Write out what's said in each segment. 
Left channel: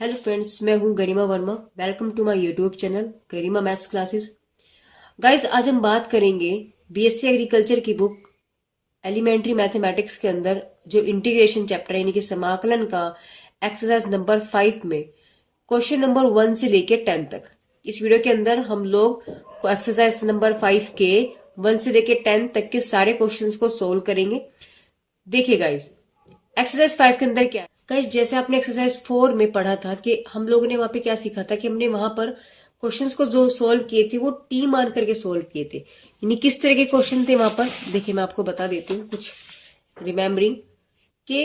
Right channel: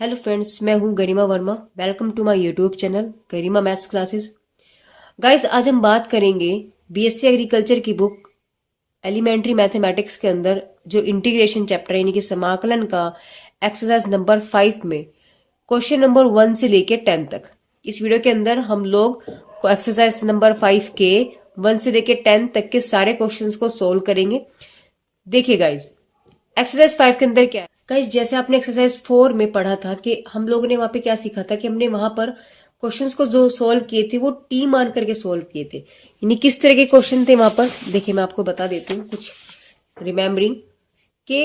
Hello friends, मैं हूं Garima Verma. Welcome to my YouTube channel Garima maths classes. Guys, आज हम बात करेंगे बीएससी एग्रीकल्चर की बुक एलिमेंट्री मैथमेटिक्स के अंदर जो इंटीग्रेशन चैप्टर यानी कि समाकलन का एक्सरसाइज नंबर 5 में क्वेश्चन नंबर 1 से लेके 10 तक। इस वीडियो के अंदर हम लोग एक्सरसाइज नंबर 5 के 1 से लेके 10 तक के सारे क्वेश्चंस को सोल्व करेंगे। देखिए गाइस, एक्सरसाइज 5 के अंदर क्या है। गाइस, जैसे आपने एक्सरसाइज 4 में पढ़ा था कि हम लोगों ने वहां पे क्या सीखा था कि हमने वहां पर क्वेश्चंस को जो सोल्व किए थे वो टी मान करके सोल्व किए थे। यानी किस तरह के क्वेश्चन थे वहां पर, देखिए मैं आपको बता देती हूँ कुछ रिमेम्बरिंग के।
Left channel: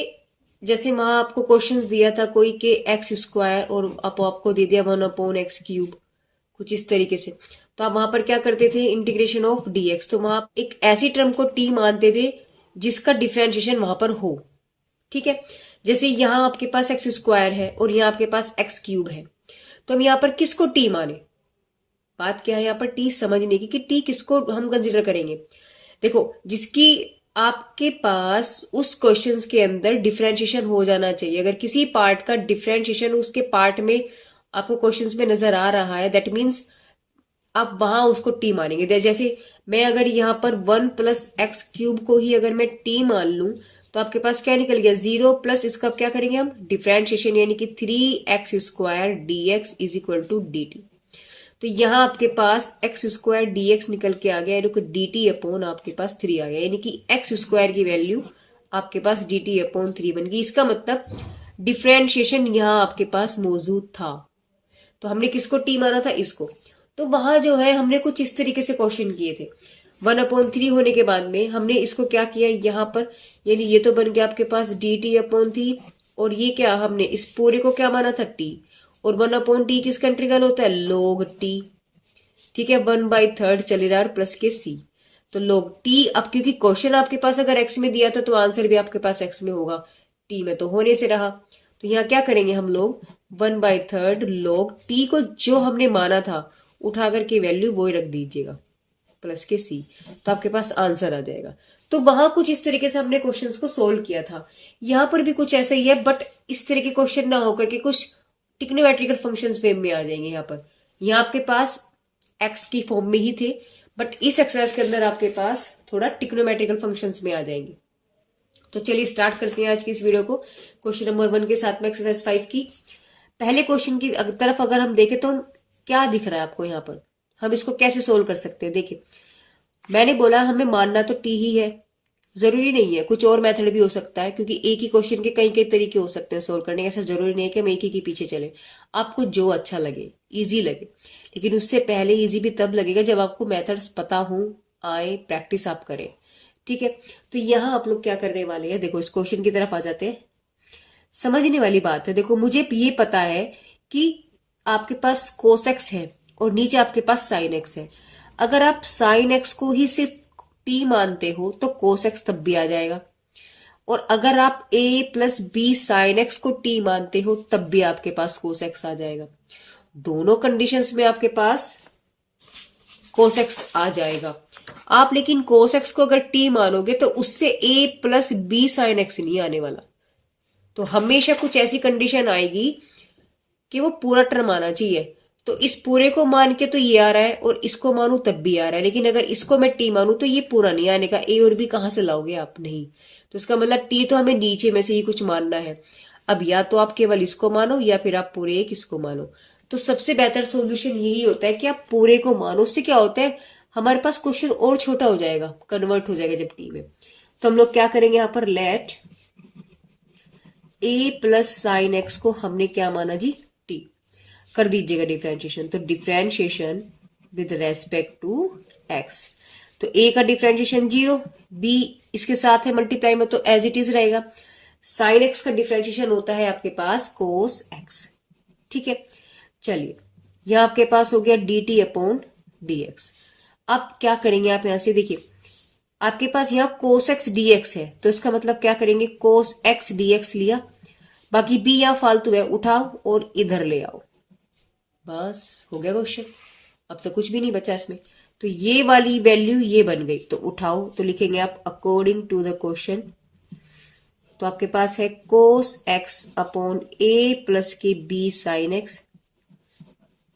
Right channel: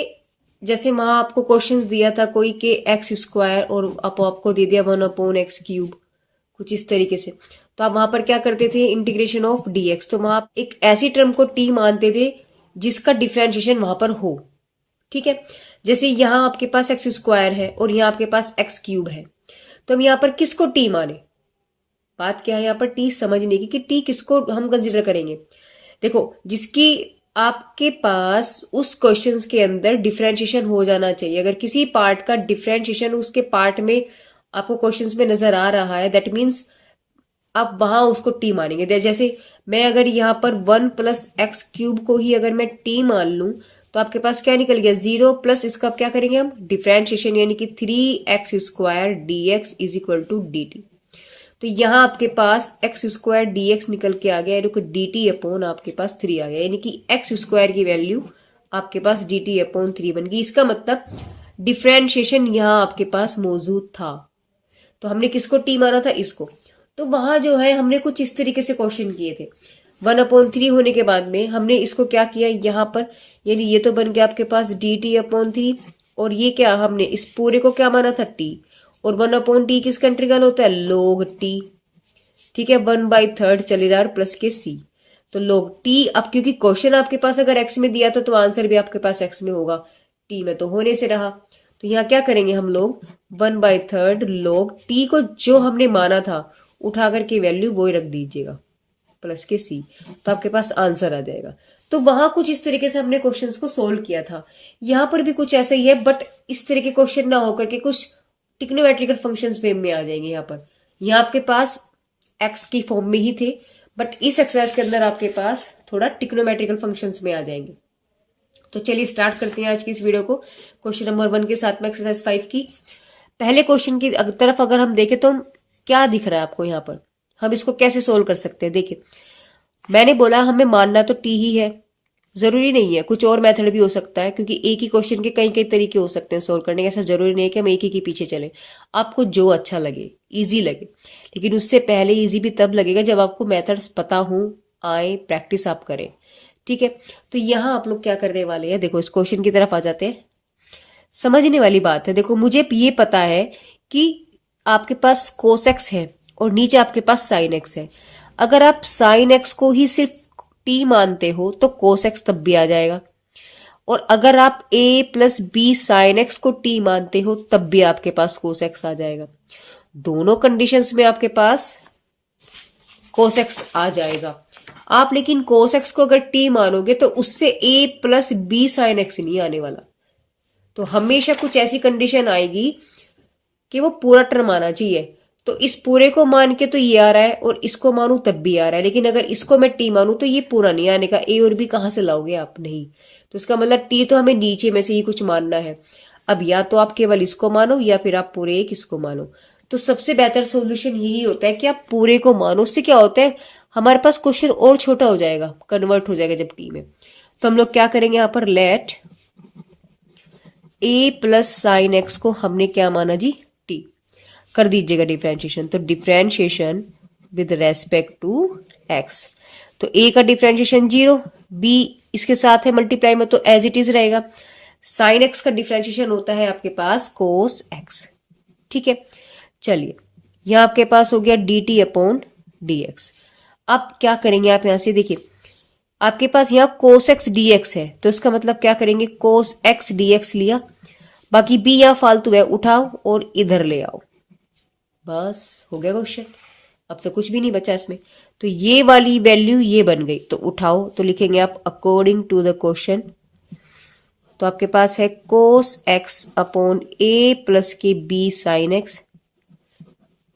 जैसे वहां आपको क्वेश्चंस दिया था कोई के एक्स स्क्वायर और आपको दे दिया 1/x क्यूब, कुछ इस तरीके से। तो आप वहां पर क्या करते थे, इंटीग्रेशन ऑफ डीएक्स। तो वहां आप एक ऐसी टर्म को टी मानते थे जिसका डिफ्रेंशिएशन वहां पर हो। ठीक है, जैसे यहां आपके पास एक्स स्क्वायर है और यहां आपके पास एक्स क्यूब है, तो हम यहां पर किसको टी माने। बात क्या है यहाँ पर टी समझने की कि टी किसको हम कंसिडर करेंगे। देखो, जिसकी आपके पास उस क्वेश्चंस के अंदर डिफरेंशिएशन हो जाना चाहिए। अगर किसी पार्ट का डिफरेंशिएशन उसके पार्ट में आपको क्वेश्चंस में नजर आ रहा है, दैट मीन्स आप वहां उसको टी मानेंगे। जैसे मैं अगर यहाँ पर 1+x क्यूब को ही अगर मैं टी मान लूं तो आपके पास क्या निकल गया, 0 प्लस इसका क्या करेंगे हम डिफरेंशिएशन, यानी कि 3x² dx is equal to dt। तो यहाँ आपके पास x² dx निकल के आ गया, यानी कि dt अपॉन आपके पास 3 आ गया, यानी कि x² की वैल्यू आपके पास dt अपॉन 3 बन गई। इसका मतलब डिफरेंशिएशन यहाँ आपके पास मौजूद था। तो हमने किसको टी माना था, इसको। तो वहां जो है हमने कुछ इस तरीके से क्वेश्चन किए थे। 1/3 होने के बाद में हमने इसको क्या किया यहाँ पर, यानी ये तो बन गया आपके पास dt/3, और ये क्या हमने इस पूरे को क्या माना था, टी। और 1/t किसका इंटीग्रल होता है, log t। ठीक है, 1/3 चले रहा प्लस के c, तो log t। अब क्योंकि क्वेश्चन आपके पास अगर x में दिया था तो आंसर भी आपके पास x में होगा, t में तो होने से रहा। तो यहाँ क्या करेंगे हम लोग, 1/3 log t को जो हमने माना था उठा करके वैल्यू वो ही रख दीजिएगा प्लस के सी, तो आपके पास आंसर आ जाएगा। तो वहां कुछ इस तरीके से हमने क्वेश्चंस को सोल्व किया था। यहाँ पर भी कुछ ऐसा ही है, बट इस तरह के क्वेश्चन ना होकर के कुछ टिक्नोमेट्रिकल फंक्शंस में आ जाएंगे। यहाँ पर यहाँ आपके पास एक्स की फॉर्म में ही थे, बट इस एक्सरसाइज के अंदर आपके पास थोड़ा टिक्नोमेट्रिकल फंक्शंस में आ जाएंगे। तो चलिए स्टार्ट करते हैं आज की इस वीडियो को क्वेश्चन नंबर 1 के साथ में एक्सरसाइज 5 की। पहले क्वेश्चन की तरफ अगर हम देखें तो क्या दिख रहा है आपको यहाँ पर, हम इसको कैसे सोल्व कर सकते हैं। देखिए, मैंने बोला हमें मानना तो टी ही है, जरूरी नहीं है, कुछ और मेथड भी हो सकता है, क्योंकि एक ही क्वेश्चन के कई कई तरीके हो सकते हैं सोल्व करने के। ऐसा जरूरी नहीं है कि हम एक ही के पीछे चले, आपको जो अच्छा लगे, इजी लगे। लेकिन उससे पहले इजी भी तब लगेगा जब आपको मेथड्स पता हो, आए, प्रैक्टिस आप करें। ठीक है, तो यहाँ आप लोग क्या करने वाले हैं, देखो इस क्वेश्चन की तरफ आ जाते हैं। समझने वाली बात है। देखो, मुझे ये पता है कि आपके पास cos x है और नीचे आपके पास sin x है। अगर आप sin x को ही सिर्फ t मानते हो तो cos x तब भी आ जाएगा, और अगर आप a plus b sin x को t मानते हो तब भी आपके पास cos x आ जाएगा। दोनों कंडीशंस में आपके पास cos x आ जाएगा। आप लेकिन cos x को अगर t मानोगे तो उससे a plus b sin x नहीं आने वाला। तो हमेशा कुछ ऐसी कंडीशन आएगी कि वो पूरा टर्म आना चाहिए। तो इस पूरे को मान के तो ये आ रहा है और इसको मानू तब भी आ रहा है, लेकिन अगर इसको मैं टी मानू तो ये पूरा नहीं आने का। ए और बी कहां से लाओगे आप, नहीं। तो इसका मतलब टी तो हमें नीचे में से ही कुछ मानना है। अब या तो आप केवल इसको मानो या फिर आप पूरे एक इसको मानो। तो सबसे बेहतर सोल्यूशन यही होता है कि आप पूरे को मानो। उससे क्या होता है, हमारे पास क्वेश्चन और छोटा हो जाएगा, कन्वर्ट हो जाएगा जब टी में। तो हम लोग क्या करेंगे यहाँ पर, let a plus sine x को हमने क्या माना जी, t। कर दीजिएगा डिफरेंशिएशन। तो differentiation with respect to x, तो a का डिफरेंशिएशन 0, b इसके साथ है मल्टीप्लाई में तो एज इट इज रहेगा। साइन एक्स का डिफरेंशिएशन होता है आपके पास कोस एक्स। ठीक है, चलिए यहां आपके पास हो गया dt अपॉन dx। अब क्या करेंगे आप यहां से, देखिए आपके पास यहाँ cos x dx है, तो इसका मतलब क्या करेंगे, cos x dx लिया, बाकी b यहाँ फालतू है, उठाओ और इधर ले आओ, बस हो गया क्वेश्चन। अब तो कुछ भी नहीं बचा इसमें। तो ये वाली वैल्यू ये बन गई, तो उठाओ, तो लिखेंगे आप अकॉर्डिंग टू द क्वेश्चन तो आपके पास है cos x upon a plus k b sine x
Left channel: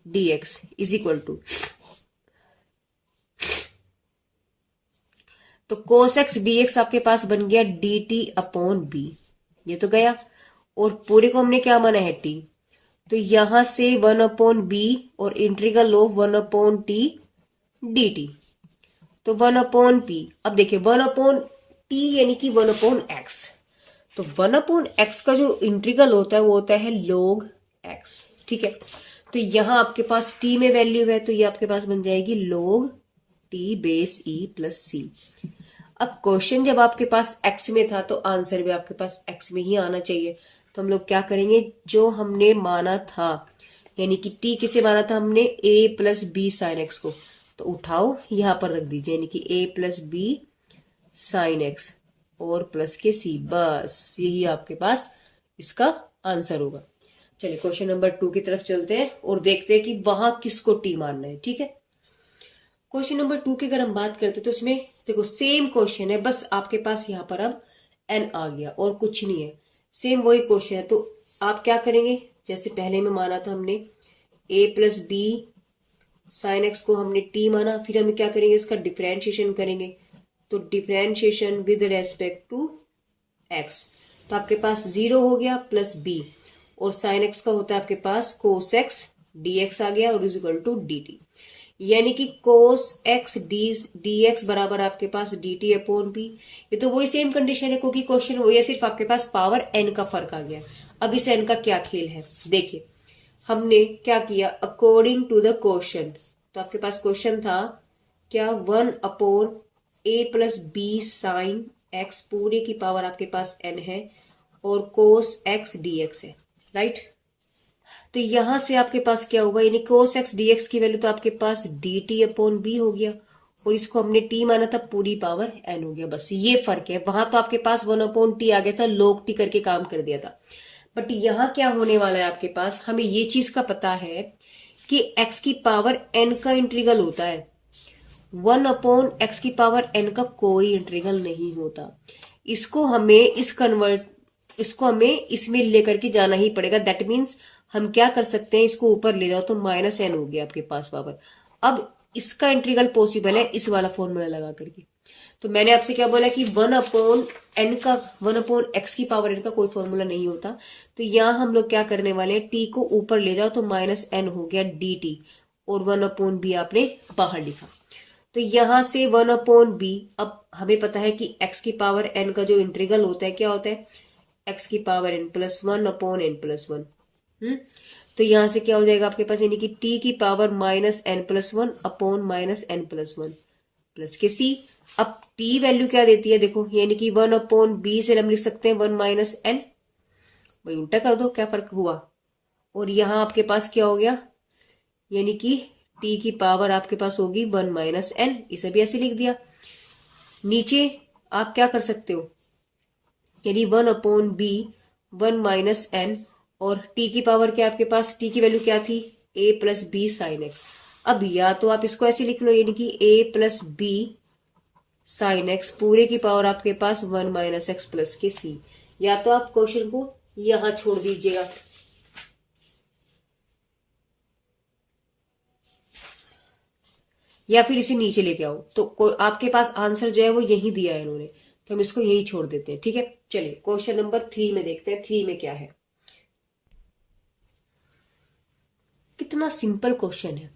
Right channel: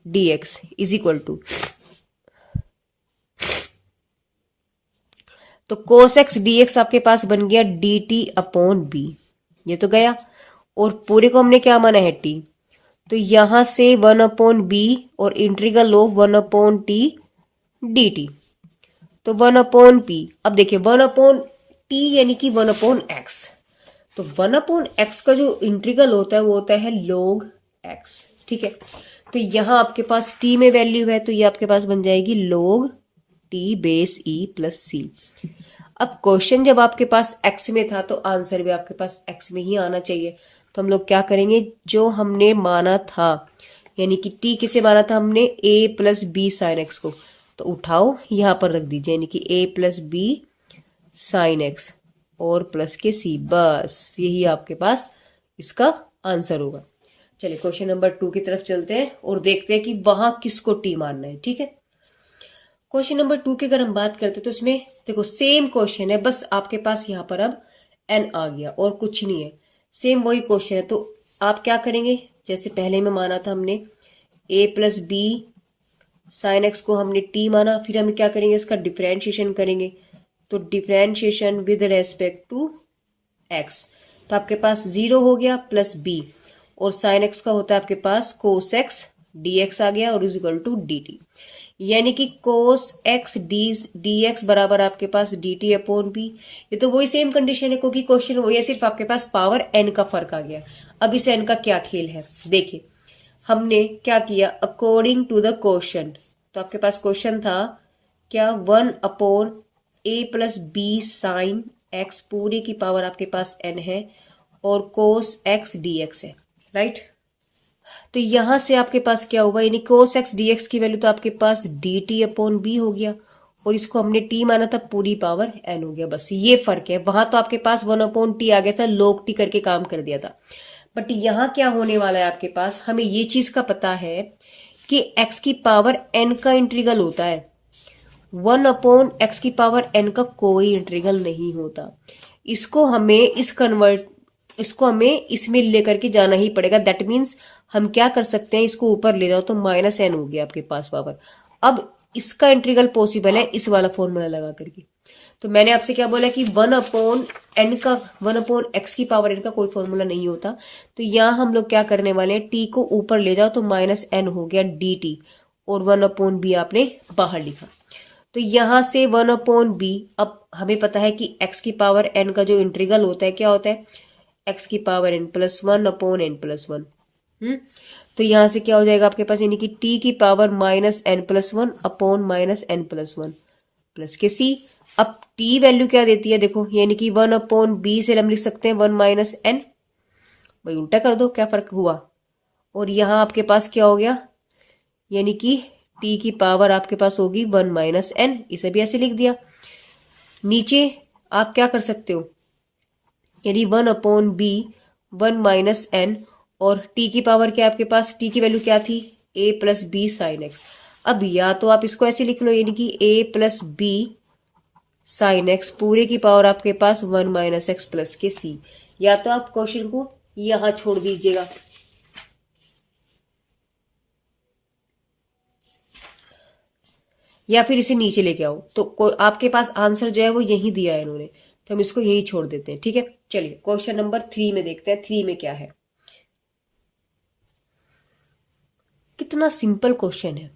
d x is equal to, तो कोस एक्स डी एक्स आपके पास बन गया डी टी अपॉन बी, ये तो गया, और पूरे को हमने क्या माना है टी, तो यहां से 1 अपॉन बी और integral of 1 upon T D t, तो 1 अपॉन पी। अब देखिए 1 अपॉन टी यानी कि 1 अपॉन एक्स, तो 1 अपॉन एक्स का जो इंटीग्रल होता है वो होता है log एक्स, ठीक है। तो यहां आपके पास टी में वैल्यू है, तो ये आपके पास बन जाएगी log T base E plus C. अब क्वेश्चन जब आपके पास एक्स में था तो आंसर भी आपके पास एक्स में ही आना चाहिए, तो हम लोग क्या करेंगे, जो हमने माना था यानी कि टी किसे माना था हमने, ए प्लस बी साइन एक्स को, तो उठाओ यहां पर रख दीजिए, यानी कि ए प्लस बी साइन एक्स और प्लस के सी, बस यही आपके पास इसका आंसर होगा। चलिए क्वेश्चन नंबर 2 की तरफ चलते हैं और देखते हैं कि वहां किसको टी मानना है, ठीक है। क्वेश्चन नंबर 2 की अगर हम बात करते हैं तो इसमें देखो सेम क्वेश्चन है, बस आपके पास यहाँ पर अब एन आ गया और कुछ नहीं है, सेम वही क्वेश्चन है। तो आप क्या करेंगे, जैसे पहले में माना था हमने ए प्लस बी साइन एक्स को हमने टी माना, फिर हम क्या करेंगे, इसका डिफरेंशिएशन करेंगे, तो differentiation with respect to x, तो आपके पास 0 हो गया प्लस बी, और साइन एक्स का होता है आपके पास कोस एक्स डी एक्स आ गया और is equal to d t, यानी कि कोस एक्स डी एक्स बराबर आपके पास डी टी अपॉन बी। ये तो वही सेम कंडीशन है क्योंकि क्वेश्चन वही है, सिर्फ आपके पास पावर एन का फर्क आ गया। अब इस एन का क्या खेल है, देखिए हमने क्या किया, अकॉर्डिंग टू द क्वेश्चन, तो आपके पास क्वेश्चन था क्या 1/a+b साइन एक्स पूरे की पावर आपके पास n है और कोस एक्स डी एक्स है, राइट। तो यहां से आपके पास क्या होगा, यानी कोस एक्स डी एक्स की वैल्यू तो आपके पास डी टी अपॉन बी हो गया, और इसको हमने टी माना था, पूरी पावर एन हो गया, बस ये फर्क है। वहां तो आपके पास 1/t आ गया था, log टी करके काम कर दिया था, बट यहां क्या होने वाला है आपके पास, हमें ये चीज का पता है कि x की पावर n का इंटीग्रल होता है, 1/x की पावर n का कोई इंटीग्रल नहीं होता। इसको हमें इसको हमें इसमें लेकर के जाना ही पड़ेगा। दैट मीन्स हम क्या कर सकते हैं, इसको ऊपर ले जाओ तो -n हो गया आपके पास पावर। अब इसका इंटीग्रल पॉसिबल है इस वाला फॉर्मूला लगा करके। तो मैंने आपसे क्या बोला कि 1/x की पावर n का कोई फॉर्मूला नहीं होता, तो यहां हम लोग क्या करने वाले हैं, t को ऊपर ले जाओ तो -n हो गया dt, और 1/b आपने बाहर लिखा। तो यहां से 1/b, अब हमें पता है कि x की पावर n का जो इंटीग्रल होता है क्या होता है, x की पावर n प्लस 1/n+1। तो यहां से क्या हो जाएगा आपके पास, यानी कि t की power -n+1 upon -n+1 plus के c। अब t वैल्यू क्या देती है देखो, यानी कि 1/b से हम लिख सकते हैं 1 -n, भाई उल्टा कर दो क्या फर्क हुआ, और यहां आपके पास क्या हो गया, यानी कि t की पावर आपके पास होगी 1 -n, इसे भी ऐसे लिख दिया। नीचे आप क्या कर सकते हो, यानी 1/b 1 -n, और t की पावर क्या आपके पास, t की वैल्यू क्या थी, a+b साइन एक्स। अब या तो आप इसको ऐसे लिख लो, यानी कि a+b साइन एक्स पूरे की पावर आपके पास 1 -x प्लस के c, या तो आप क्वेश्चन को यहां छोड़ दीजिएगा, या फिर इसे नीचे लेके आओ, तो आपके पास आंसर जो है वो यही दिया है इन्होंने, तो हम इसको यही छोड़ देते हैं, ठीक है। चलिए क्वेश्चन नंबर 3 में देखते हैं, 3 में क्या है। कितना सिंपल क्वेश्चन है,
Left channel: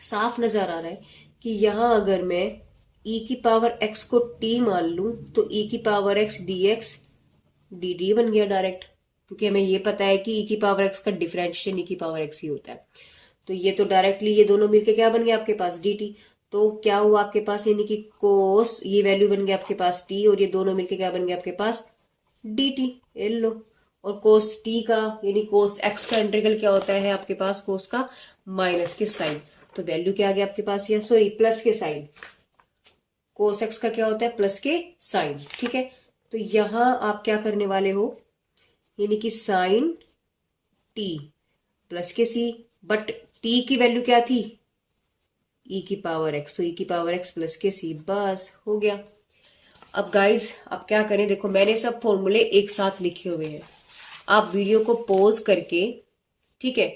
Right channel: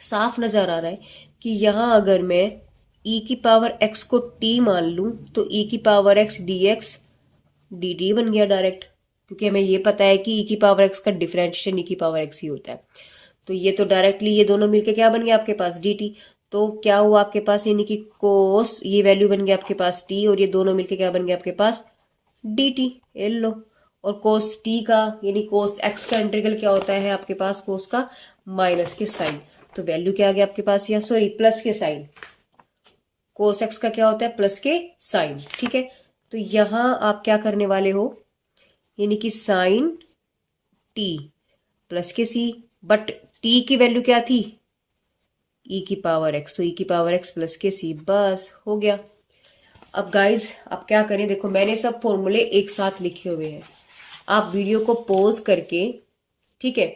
साफ नजर आ रहा है कि यहां अगर मैं e की पावर x को t मान लूं तो e की पावर x dx dt बन गया डायरेक्ट, क्योंकि हमें ये पता है कि e की पावर x का डिफरेंशिएशन e की पावर x ही होता है। तो ये तो डायरेक्टली ये दोनों मिलके क्या बन गया आपके पास dt, तो क्या हुआ आपके पास, यानी कि कोस ये वैल्यू बन गया आपके पास t, और ये दोनों मिलके क्या बन गया आपके पास dt, लो। और कोस t का यानी कोस x का इंटीग्रल क्या होता है आपके पास, कोस का माइनस के साइन, तो वैल्यू क्या आ गया आपके पास, या sorry plus k sign, cos x का क्या होता है प्लस के साइन, ठीक है। तो यहां आप क्या करने वाले हो, यानी कि साइन टी प्लस के सी, बट टी की वैल्यू क्या थी, ई की पावर एक्स, तो ई की पावर एक्स प्लस के सी, बस हो गया। अब गाइज आप क्या करें, देखो मैंने सब फॉर्मूले एक साथ लिखे हुए हैं, आप वीडियो को पॉज करके, ठीक है,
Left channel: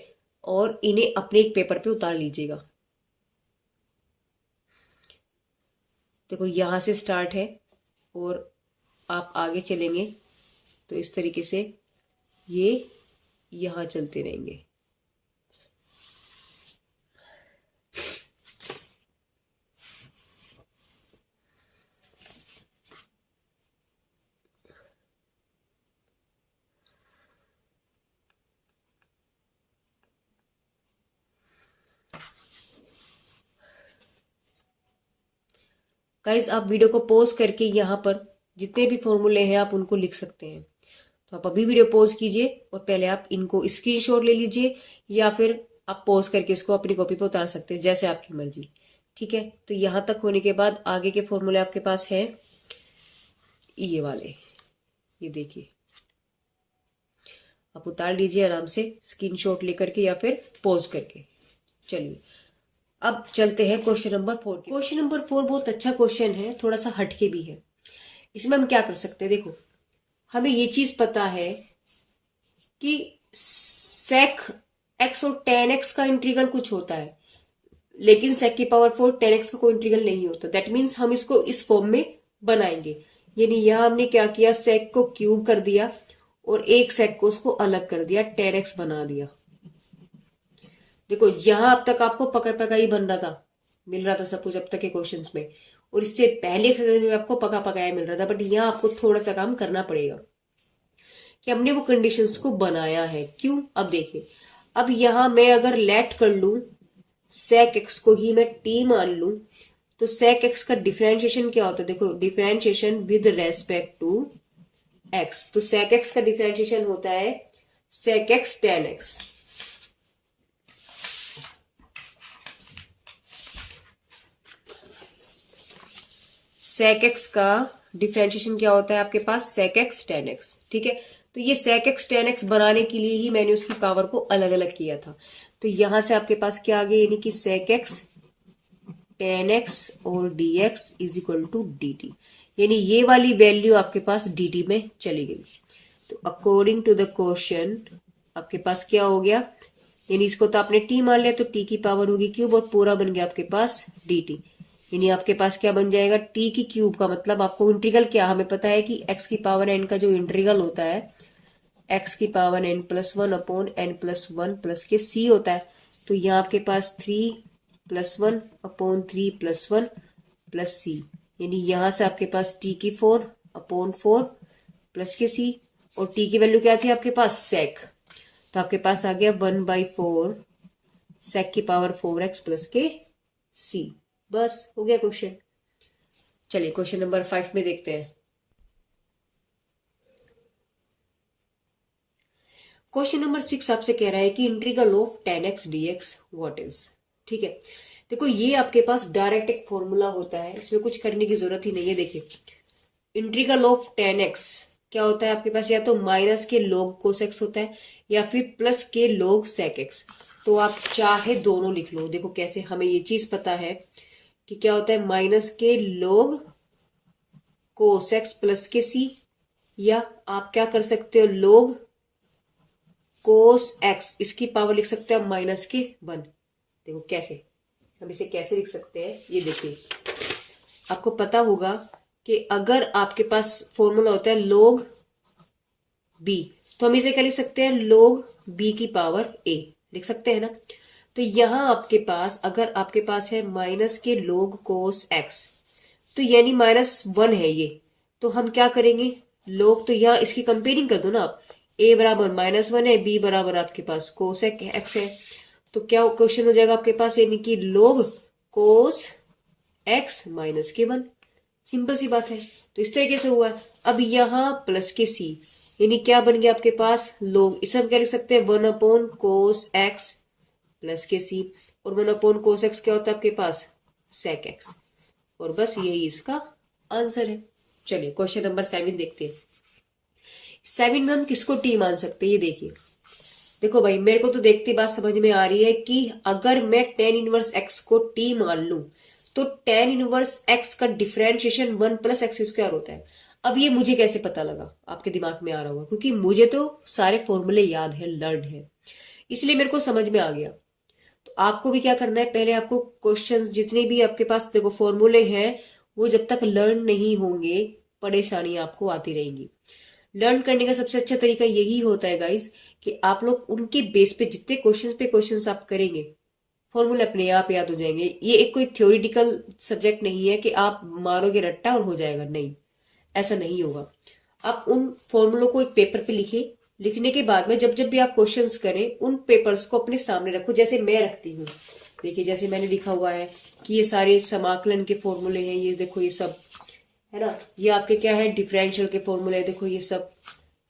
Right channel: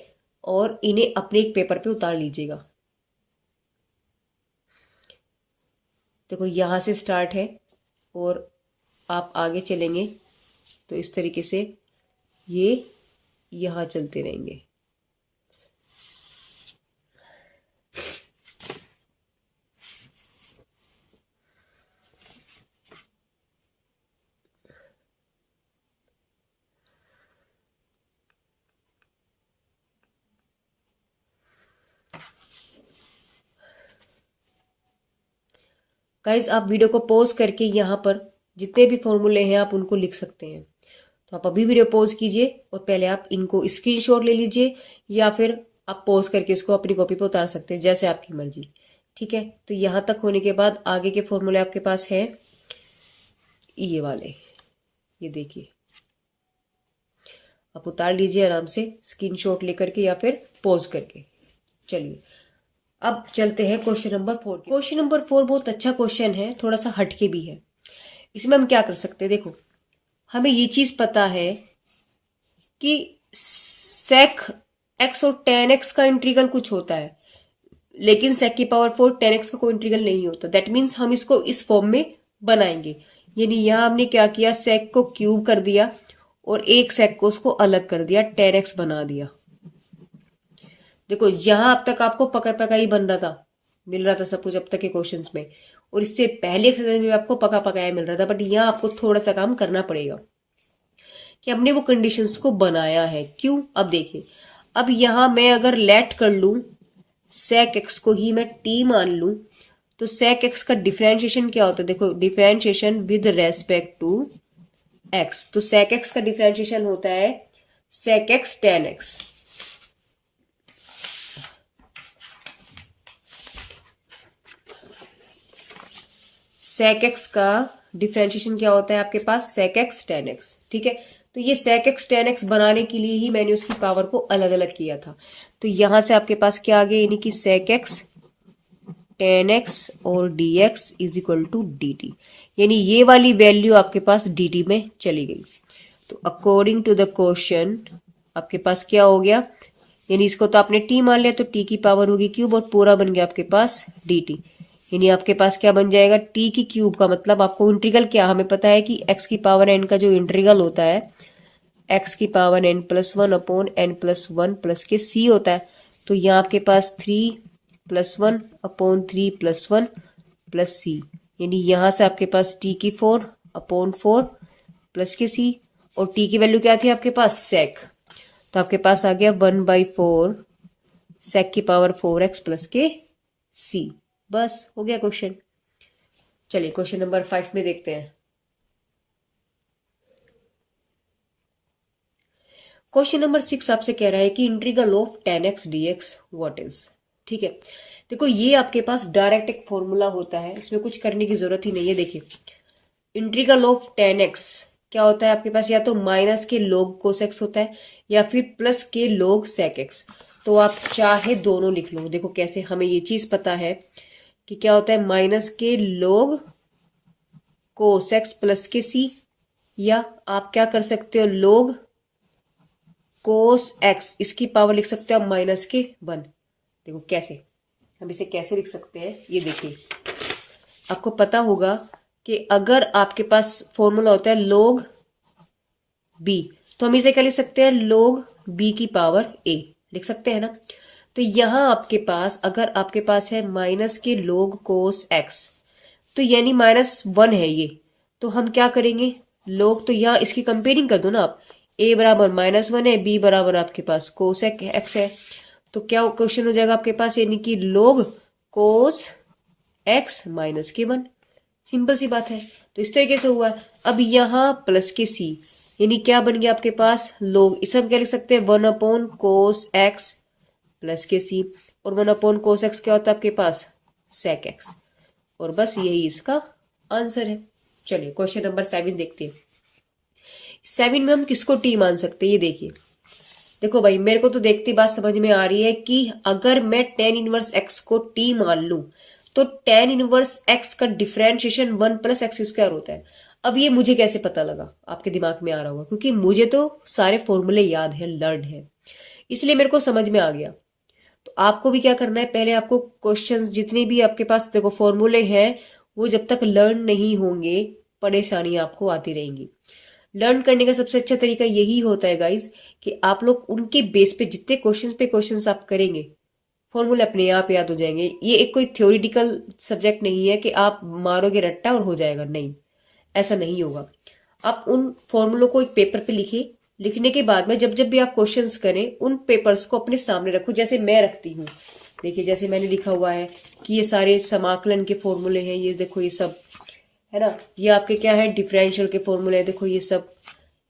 और इन्हें अपने एक पेपर पे उतार लीजिएगा। देखो यहां से स्टार्ट है और आप आगे चलेंगे तो इस तरीके से ये यहां चलते रहेंगे। गाइज आप वीडियो को पॉज करके यहाँ पर जितने भी फॉर्मूले हैं आप उनको लिख सकते हैं। तो आप अभी वीडियो पॉज कीजिए और पहले आप इनको स्क्रीनशॉट ले लीजिए, या फिर आप पॉज करके इसको अपनी कॉपी पर उतार सकते हैं, जैसे आपकी मर्जी। ठीक है, तो यहाँ तक होने के बाद आगे के फॉर्मूले आपके पास हैं ये वाले, ये देखिए, आप उतार लीजिए आराम से स्क्रीनशॉट लेकर के या फिर पॉज करके। चलिए अब चलते हैं क्वेश्चन नंबर 4। क्वेश्चन नंबर 4 बहुत अच्छा क्वेश्चन है, थोड़ा सा हटके भी है। इसमें हम क्या कर सकते हैं, देखो हमें ये चीज पता है कि सेक एक्स और टेन एक्स का इंटीग्रल कुछ होता है, लेकिन सेक की पावर 4 टेन एक्स का कोई इंटीग्रल नहीं होता। दैट मीन्स हम इसको इस फॉर्म में बनाएंगे, यानी यहां हमने क्या किया, सेक को क्यूब कर दिया और एक सेक को उसको अलग कर दिया, टेन एक्स बना दिया। देखो यहां अब तक आपको पका पका ही बन रहा था, मिल रहा था सब कुछ अब तक के क्वेश्चंस में, और इससे पहले एक्सरसाइज में आपको पका पकाया मिल रहा था। बट यहाँ आपको थोड़ा सा काम करना पड़ेगा कि हमने वो कंडीशंस को बनाया है। क्यों, अब देखिए, अब यहां मैं अगर लेट कर लू सेक एक्स को ही मैं टी मान लू, तो सेक एक्स का डिफरेंशिएशन क्या होता है, देखो differentiation with respect to x. तो सेक एक्स का डिफरेंशिएशन होता है sec x tan x. Sec x का डिफरेंशिएशन क्या होता है आपके पास, सेक एक्स टेन एक्स। ठीक है, तो ये सेक एक्स टेन एक्स बनाने के लिए ही मैंने उसकी पावर को अलग अलग किया था। तो यहां से आपके पास क्या आ गया, यानी कि सेक एक्स टेन एक्स और d x is equal to d t, यानी ये वाली वैल्यू आपके पास डी टी में चली गई। तो अकॉर्डिंग टू द क्वेश्चन आपके पास क्या हो गया, यानी इसको तो आपने टी मान लिया, तो टी की पावर होगी क्यूब और पूरा बन गया आपके पास डी टी। यानी आपके पास क्या बन जाएगा, टी की क्यूब का मतलब आपको इंटीग्रल क्या, हमें पता है कि एक्स की पावर एन का जो इंटीग्रल होता है एक्स की power n plus one upon n plus one plus के सी होता है। तो यहाँ आपके पास 3 plus one upon 3 plus one plus C, यानी यहां से आपके पास टी की 4 अपॉन 4 प्लस के सी, और टी की वैल्यू क्या थी आपके पास सेक, तो आपके पास आ गया 1/4 सेक की पावर 4x प्लस के सी। बस हो गया क्वेश्चन। चलिए क्वेश्चन नंबर 5 में देखते हैं। क्वेश्चन नंबर 6 आपसे कह रहा है कि integral of ten x d x what is. ठीक है, देखो ये आपके पास डायरेक्ट एक फॉर्मूला होता है, इसमें कुछ करने की जरूरत ही नहीं है। देखिए इंटीग्रल ऑफ टेन एक्स क्या होता है आपके पास, या तो माइनस के लोग कोस एक्स होता है या फिर प्लस के लोग सेक एक्स। तो आप चाहे दोनों लिख लो। देखो कैसे, हमें ये चीज पता है कि क्या होता है, माइनस के लोग कोस एक्स प्लस के सी, या आप क्या कर सकते हो, लोग कोस एक्स, इसकी पावर लिख सकते हो आप माइनस के 1। देखो कैसे, हम इसे कैसे लिख सकते हैं, ये देखिए आपको पता होगा कि अगर आपके पास फॉर्मूला होता है लोग बी, तो हम इसे क्या लिख सकते हैं, लोग बी की पावर ए लिख सकते हैं ना। तो यहां आपके पास अगर आपके पास है माइनस के लोग कोस एक्स, तो यानी -1 है ये, तो हम क्या करेंगे, लोग, तो यहां इसकी कंपेयरिंग कर दो ना आप, a बराबर -1 है, b बराबर आपके पास कोस एक्स है, तो क्या क्वेश्चन हो जाएगा आपके पास, यानी कि लोग कोस एक्स माइनस के 1। सिंपल सी बात है, तो इस तरीके से हुआ। अब यहां प्लस के सी, यानी क्या बन गया आपके पास लोग, इसे हम क्या लिख सकते हैं 1 कोस एक्स प्लस के सी, और 1 कोस एक्स क्या होता है आपके पास सेक एक्स, और बस यही इसका आंसर है। चलिए क्वेश्चन नंबर 7 देखते हैं। 7 में हम किसको टी मान सकते हैं, ये देखिए। देखो भाई मेरे को तो देखते बात समझ में आ रही है कि अगर मैं tan इनवर्स एक्स को टी मान लूं तो tan इनवर्स x का डिफरेंशिएशन 1 प्लस एक्स स्क्वायर होता है। अब ये मुझे कैसे पता लगा, आपके दिमाग में आ रहा होगा, क्योंकि मुझे तो सारे फॉर्मूले याद है, लर्न है, इसलिए मेरे को समझ में आ गया। तो आपको भी क्या करना है, पहले आपको क्वेश्चंस जितने भी आपके पास देखो फॉर्मूले हैं, वो जब तक लर्न नहीं होंगे परेशानी आपको आती रहेंगी। लर्न करने का सबसे अच्छा तरीका यही होता है गाइस कि आप लोग उनके बेस पे जितने क्वेश्चंस पे क्वेश्चंस आप करेंगे, फॉर्मूले अपने आप याद हो जाएंगे। ये एक कोई थ्योरेटिकल सब्जेक्ट नहीं है कि आप मारोगे रट्टा और हो जाएगा, नहीं, ऐसा नहीं होगा। आप उन फॉर्मूलों को एक पेपर पे लिखे, लिखने के बाद में जब जब भी आप क्वेश्चंस करें उन पेपर्स को अपने सामने रखो, जैसे मैं रखती हूँ। देखिए जैसे मैंने लिखा हुआ है कि ये सारे समाकलन के फॉर्मूले हैं, ये देखो ये सब है ना, ये आपके क्या है डिफरेंशियल के फॉर्मूले हैं, देखो ये सब।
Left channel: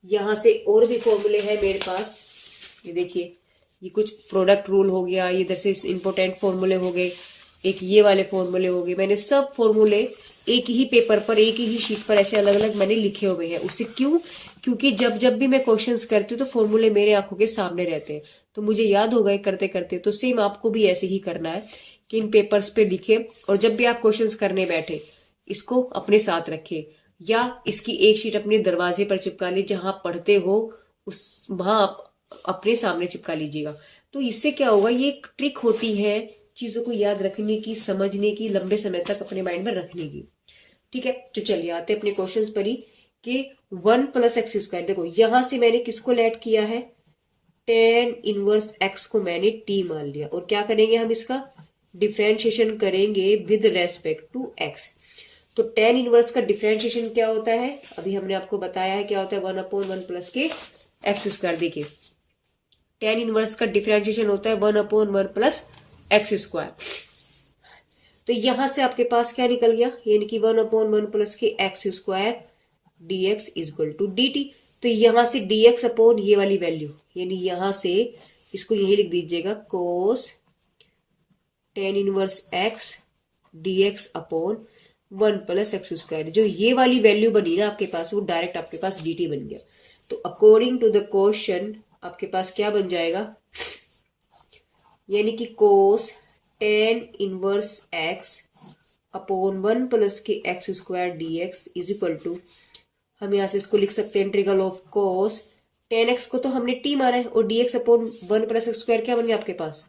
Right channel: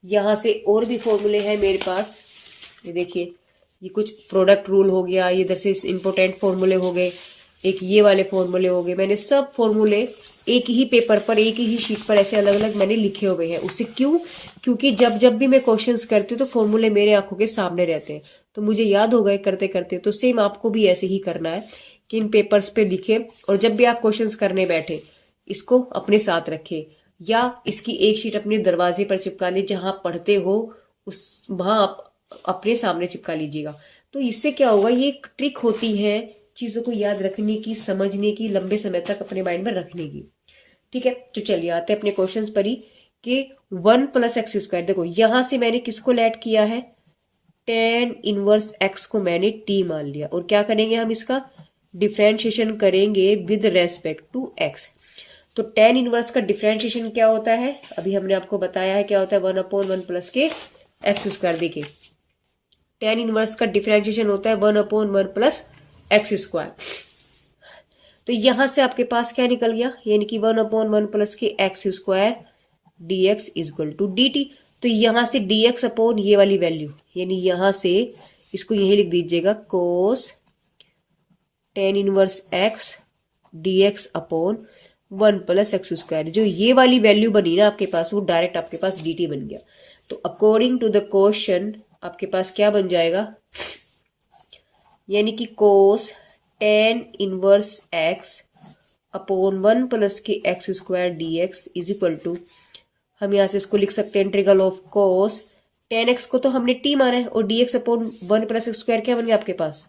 यहाँ से और भी फॉर्मूले हैं मेरे पास, ये देखिए, ये कुछ प्रोडक्ट रूल हो गया, ये इधर से इम्पोर्टेंट फॉर्मूले हो गए, एक ये वाले फॉर्मूले हो गए। मैंने सब फॉर्मूले एक ही पेपर पर, एक ही शीट पर ऐसे अलग अलग मैंने लिखे हुए हैं। उससे क्यों, क्योंकि जब जब भी मैं क्वेश्चंस करती हूँ तो फॉर्मूले मेरे आंखों के सामने रहते हैं, तो मुझे याद हो गए करते करते। तो सेम आपको भी ऐसे ही करना है कि इन पेपर्स पे लिखे, और जब भी आप क्वेश्चंस करने बैठे इसको अपने साथ रखे, या इसकी एक शीट अपने दरवाजे पर चिपका ली, जहां पढ़ते हो उस वहां आप अपने सामने चिपका लीजिएगा। तो इससे क्या होगा, ये एक ट्रिक होती है चीजों को याद रखने की, समझने की, लंबे समय तक अपने माइंड में रखने की। ठीक है, तो चलिए आते हैं अपने क्वेश्चंस पर ही कि 1 प्लस एक्स स्क्वायर, देखो यहां से मैंने किसको ऐड किया है, tan इनवर्स x को मैंने t मान लिया, और क्या करेंगे हम इसका डिफरेंशिएशन करेंगे विद रेस्पेक्ट टू x। तो tan इनवर्स का डिफरेंशिएशन क्या होता है, अभी हमने आपको बताया है क्या होता है, 1/1 प्लस के एक्स स्क्वायर। देखिए tan इनवर्स का डिफरेंशिएशन होता है 1/1 प्लस एक्स स्क्वायर। तो यहां से आपके पास क्या निकल गया, यानी कि 1/1 प्लस के x square dx is equal to dt। तो यहां से dx अपॉन ये वाली वैल्यू, यानी यहां से इसको यही लिख दीजिएगा कोस tan inverse x dx upon 1 plus x square. जो ये वाली वैल्यू बनी ना आपके पास, वो डायरेक्ट आपके पास dt बन गया। तो अकॉर्डिंग टू द क्वेश्चन आपके पास क्या बन जाएगा, यानी कि cos tan inverse x upon 1 plus के x square dx is equal to, हम यहां से इसको लिख सकते हैं integral of cos tan x को तो हमने t माना है, और dx upon 1 plus x square क्या बन गया आपके पास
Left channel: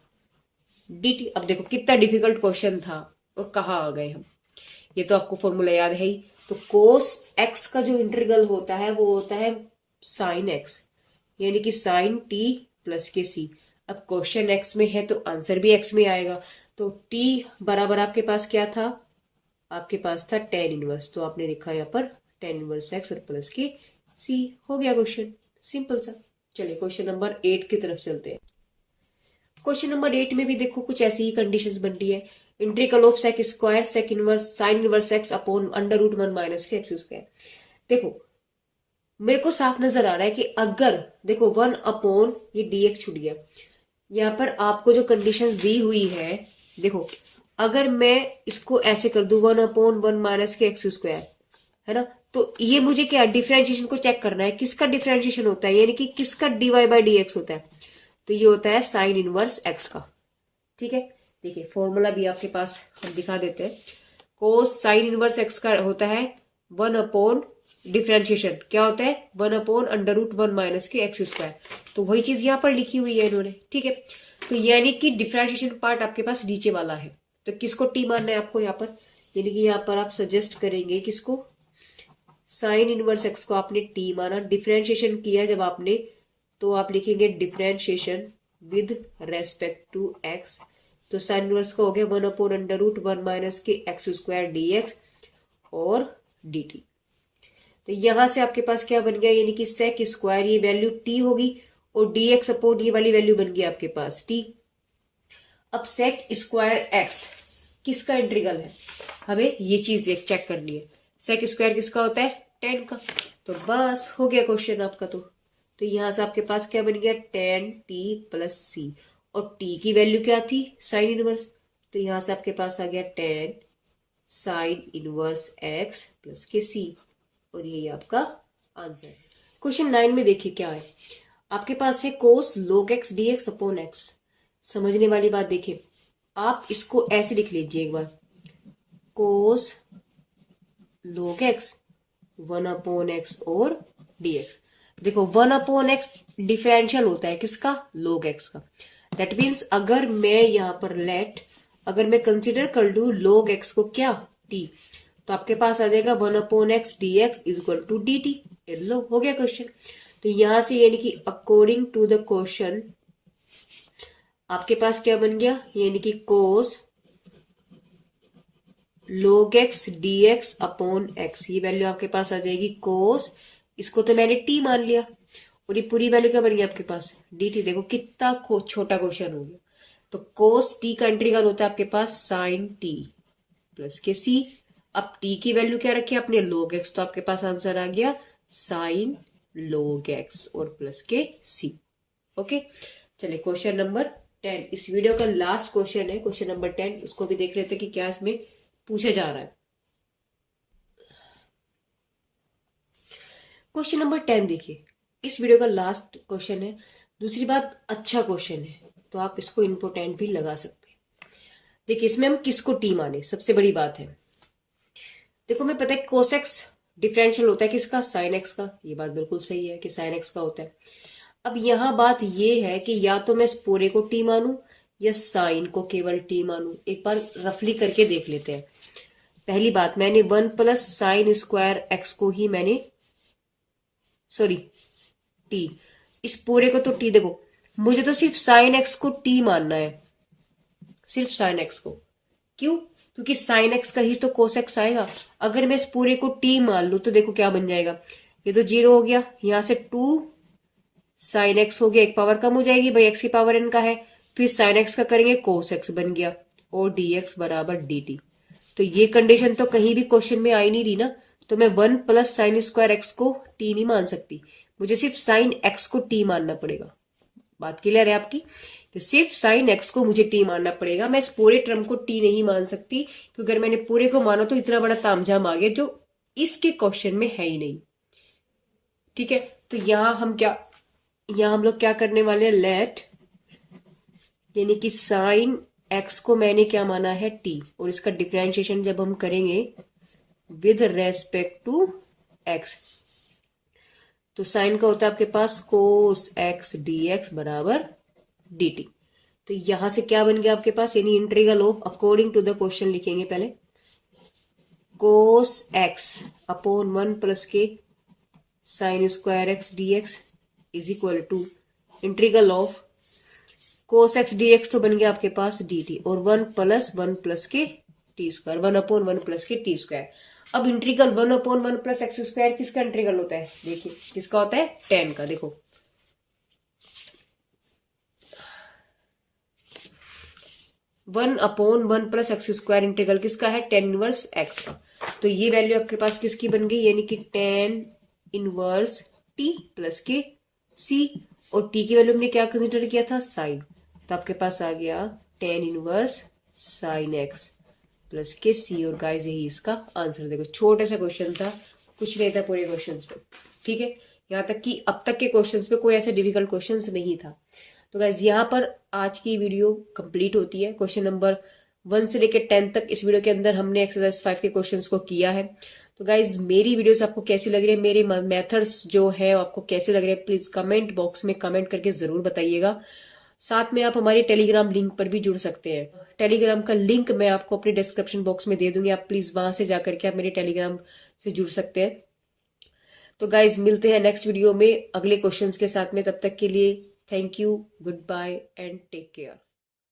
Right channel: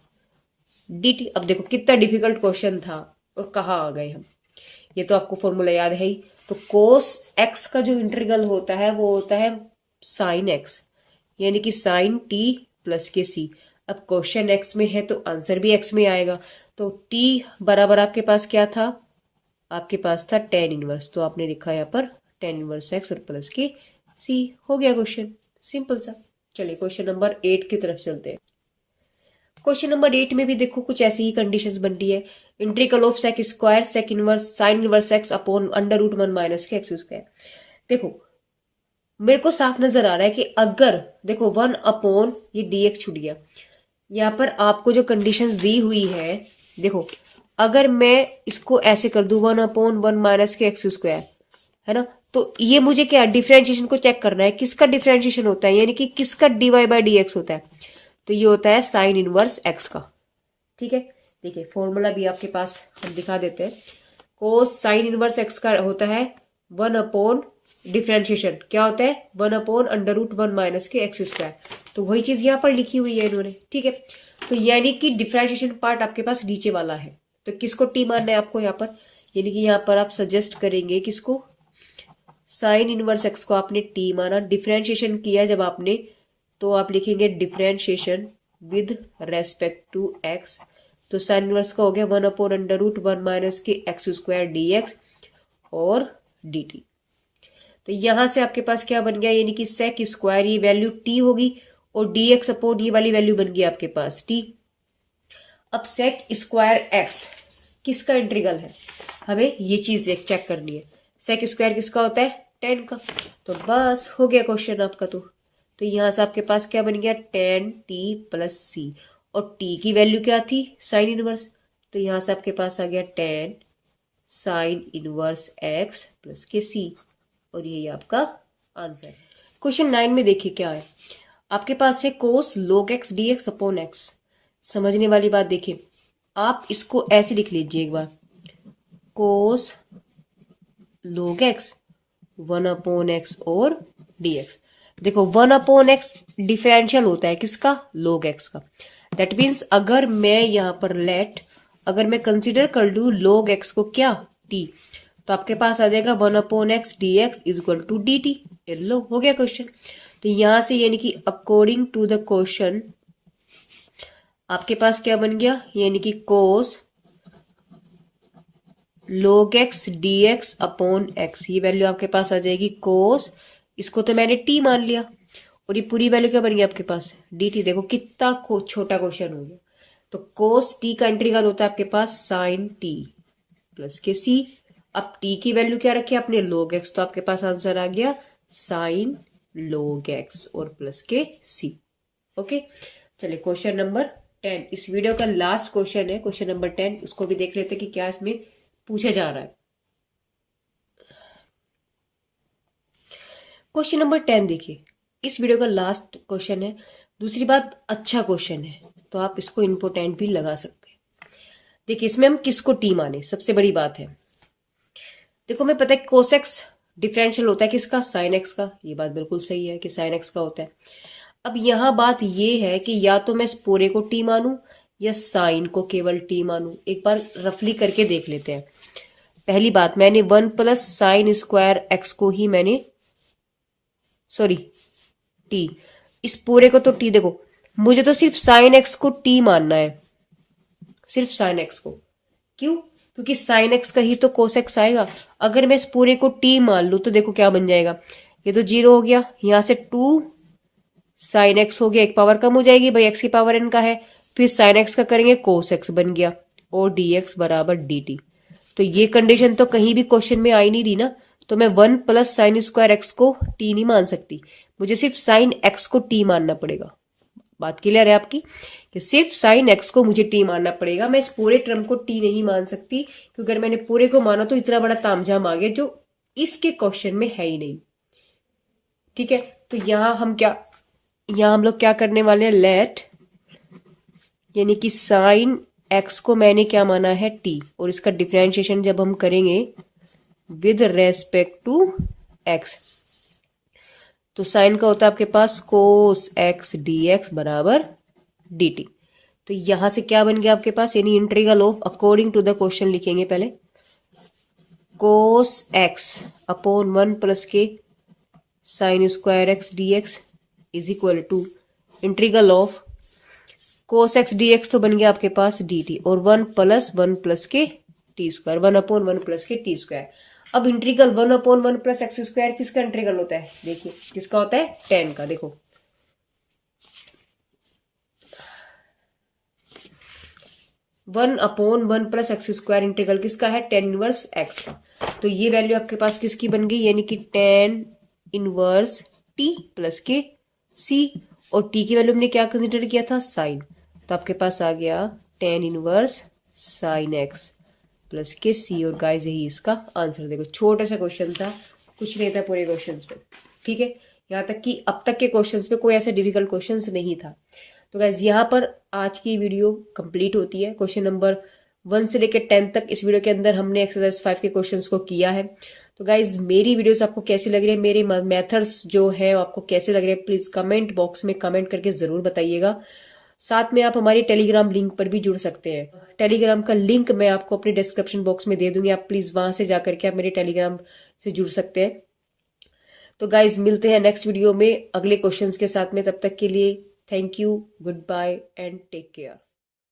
dt। अब देखो कितना डिफिकल्ट क्वेश्चन था और कहाँ आ गए हम, ये तो आपको फॉर्मूला याद है ही। तो कोस x का जो इंटीग्रल होता है वो होता है साइन x, यानी कि साइन t प्लस के c। अब क्वेश्चन x में है तो आंसर भी x में आएगा। तो t बराबर आपके पास क्या था, आपके पास था tan इनवर्स, तो आपने लिखा यहाँ पर tan इनवर्स x और प्लस के c। हो गया क्वेश्चन, सिंपल सा। चलिए क्वेश्चन नंबर 8 की तरफ चलते हैं। क्वेश्चन नंबर 8 में भी देखो कुछ ऐसी ही कंडीशंस बन रही है, integral of sec square sec inverse sine inverse x upon √1 minus k x square. देखो मेरे को साफ नजर आ रहा है कि अगर देखो 1 अपॉन ये dx छूट गया, यहाँ पर आपको जो कंडीशंस दी हुई है, देखो अगर मैं इसको ऐसे कर दूं 1/1 माइनस के एक्स स्क्वायर, है ना, तो ये मुझे क्या डिफरेंशिएशन को चेक करना है, किसका डिफरेंशिएशन होता है, यानी कि किसका dy बाई dx होता है, तो ये होता है साइन इनवर्स x का। ठीक है, देखिए फॉर्मूला भी आपके पास हम दिखा देते हैं। कोस साइन इनवर्स x का होता है 1 अपॉन डिफरेंशिएशन क्या होता है 1/√1 माइनस के एक्स स्क्वायर। तो वही चीज यहाँ पर लिखी हुई है इन्होंने। ठीक है, तो यानी कि डिफरेंशिएशन पार्ट आपके पास नीचे वाला है, तो किसको टी मानना है आपको यहाँ पर, यानी कि यहाँ पर आप सजेस्ट करेंगे किसको, साइन इनवर्स एक्स को आपने टी माना, डिफरेंशिएशन किया जब आपने, तो आप लिखेंगे differentiation with respect to x. तो साइन इनवर्स का हो गया 1/√1 minus k x square dx और dt। तो यहां से आपके पास क्या बन गया, यानी कि सेक स्क्वायर ये वैल्यू टी होगी, और dx अपॉन ये वाली वैल्यू बन गई आपके पास टी। अब सेक स्क्वायर एक्स किसका इंटीग्रल है, हमें ये चीज चेक करनी है। सेक स्क्वायर किसका होता है tan का। तो बस हो गया क्वेश्चन आपका। तो यहां से आपके पास क्या बन गया tan t प्लस c, और t की वैल्यू क्या थी साइन इनवर्स, तो यहां से आपके पास आ गया tan sign inverse x plus के c, और ये आपका आंसर है। क्वेश्चन 9 में देखिए क्या है, आपके पास है कोस log x dx upon x। समझने वाली बात देखिए, आप इसको ऐसे लिख लीजिए एक बार, कोस log x 1/x और dx। देखो 1/x डिफरेंशियल होता है किसका, log x का। दैट मीन्स अगर मैं यहाँ पर अगर मैं कंसिडर कर लू log x को क्या, t, तो आपके पास आ जाएगा 1/x dx is equal to dt। लो हो गया क्वेश्चन। तो यहां से यानी कि अकॉर्डिंग टू द क्वेश्चन आपके पास क्या बन गया, यानी कि कोस log x dx upon x, ये वैल्यू आपके पास आ जाएगी कोस, इसको तो मैंने t मान लिया, और ये पूरी वैल्यू क्या बन गई आपके पास dt। देखो कितना छोटा क्वेश्चन हो गया। तो कोस t का इंटीग्रल होता है आपके पास साइन t प्लस के c। अब t की वैल्यू क्या रखी है आपने, log x, तो आपके पास आंसर आ गया साइन log x और प्लस के c। ओके, चलिए क्वेश्चन नंबर 10, इस वीडियो का लास्ट क्वेश्चन है, क्वेश्चन नंबर 10। उसको भी देख लेते हैं कि क्या इसमें पूछा जा रहा है। क्वेश्चन नंबर 10 देखिए, इस वीडियो का लास्ट क्वेश्चन है। दूसरी बात, अच्छा क्वेश्चन है तो आप इसको इम्पोर्टेंट भी लगा सकते हैं। देखिए इसमें हम किसको टी माने, सबसे बड़ी बात है। देखो मैं पता है कोस एक्स डिफरेंशियल होता है किसका, साइन एक्स का। ये बात बिल्कुल सही है कि साइन एक्स का होता है। अब यहां बात ये है कि या तो मैं इस पूरे को टी मानू या साइन को केवल टी मानू। एक बार रफली करके देख लेते हैं। पहली बात, मैंने 1 प्लस साइन स्क्वायर एक्स को ही मैंने टी, इस पूरे को तो टी, देखो मुझे तो सिर्फ साइन एक्स को टी मानना है, सिर्फ साइन एक्स को। क्यों, क्योंकि साइन एक्स का ही तो कोस एक्स आएगा। अगर मैं इस पूरे को टी मान लू तो देखो क्या बन जाएगा, ये तो 0 हो गया, यहां से 2 साइन एक्स हो गया, एक पावर कम हो जाएगी भाई, एक्स की पावर एन का है, फिर साइन एक्स का करेंगे कोस एक्स बन गया, और डी एक्स बराबर डी टी। तो ये कंडीशन तो कहीं भी क्वेश्चन में आई नहीं रही ना। तो मैं 1 प्लस साइन स्क्वायर एक्स को टी नहीं मान सकती, मुझे सिर्फ साइन एक्स को टी मानना पड़ेगा। बात क्लियर है आपकी, कि सिर्फ साइन एक्स को मुझे टी मानना पड़ेगा, मैं इस पूरे टर्म को टी नहीं मान सकती, क्योंकि अगर मैंने पूरे को माना तो इतना बड़ा तामझाम आ गया जो इसके क्वेश्चन में है ही नहीं। ठीक है, तो यहां हम लोग क्या करने वाले हैं, लेट, यानी कि साइन एक्स को मैंने क्या माना है टी, और इसका डिफरेंशिएशन जब हम करेंगे विद रेस्पेक्ट टू एक्स, तो साइन का होता है आपके पास कोस एक्स डी एक्स बराबर डी टी। तो यहां से क्या बन गया आपके पास, यानी integral of, according to the question लिखेंगे पहले, cos x upon 1 plus k sine square x d x is equal to integral of cos x d x, तो बन गया आपके पास डी टी, और 1 प्लस के टी स्क्वायर, 1/1 प्लस के टी स्क्वायर। अब इंटीग्रल 1/1 प्लस एक्स स्क्वायर किसका इंटीग्रल होता है, देखिए किसका होता है, tan का। देखो 1/1 प्लस एक्स स्क्वायर इंटीग्रल किसका है, tan इनवर्स एक्स का। तो ये वैल्यू आपके पास किसकी बन गई, यानी कि tan इनवर्स टी प्लस के सी, और टी की वैल्यू हमने क्या कंसिडर किया था, साइन। तो आपके पास आ गया tan inverse sine x plus के सी, और गाइस यही इसका आंसर। देखो छोटा सा क्वेश्चन था, कुछ नहीं था पूरे क्वेश्चंस पे। ठीक है, यहाँ तक कि अब तक के क्वेश्चंस पे कोई ऐसा डिफिकल्ट क्वेश्चंस नहीं था। तो गाइस यहाँ पर आज की वीडियो कंप्लीट होती है। क्वेश्चन नंबर 1 से लेकर 10 तक इस वीडियो के अंदर हमने एक्सरसाइज 5 के क्वेश्चंस को किया है। तो गाइज मेरी वीडियोस आपको कैसी लग रही है, मेरे मेथड्स जो है आपको कैसे लग रहे हैं, प्लीज कमेंट बॉक्स में कमेंट करके जरूर बताइएगा। साथ में आप हमारी टेलीग्राम लिंक पर भी जुड़ सकते हैं। टेलीग्राम का लिंक मैं आपको अपने डिस्क्रिप्शन बॉक्स में दे दूंगी, आप प्लीज वहां से जाकर के आप मेरे टेलीग्राम से जुड़ सकते हैं। तो गाइज मिलते हैं नेक्स्ट वीडियो में अगले क्वेश्चंस के साथ में, तब तक के लिए thank you, goodbye and take care.